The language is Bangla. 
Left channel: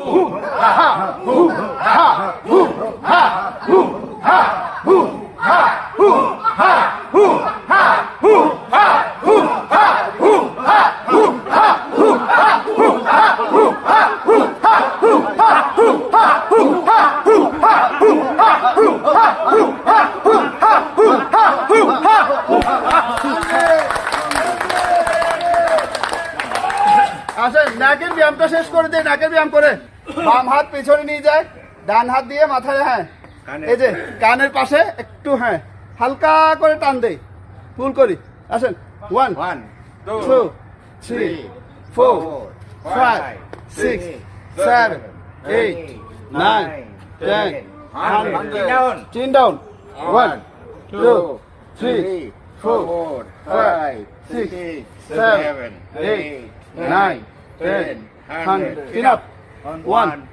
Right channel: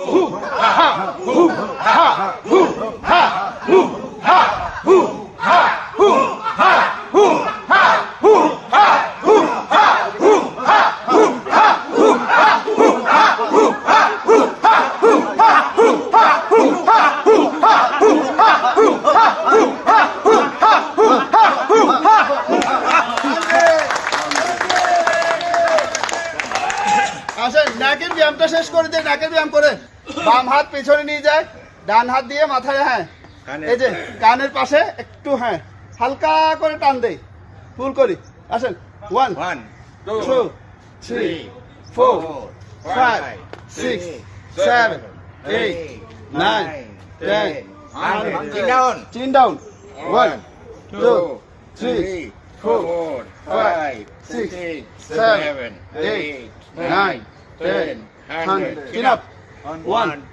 Who? Aha! Who? আসেন নাকের ব্যায়ামটা শেষ করে দেয় নাকের ব্যায়াম করে। বাম হাত পেছনে নিয়ে যায় ডান হাত দিয়ে মাথায় হ্যাঁ এই যে কানের পাশে একটু হ্যাঁ হালকা করে টান দেই। ফুল করি। আসেন one two three four five six seven eight nine ten. Chin down one two three four, five, six, seven, eight, nine, ten, hundred. Get. One.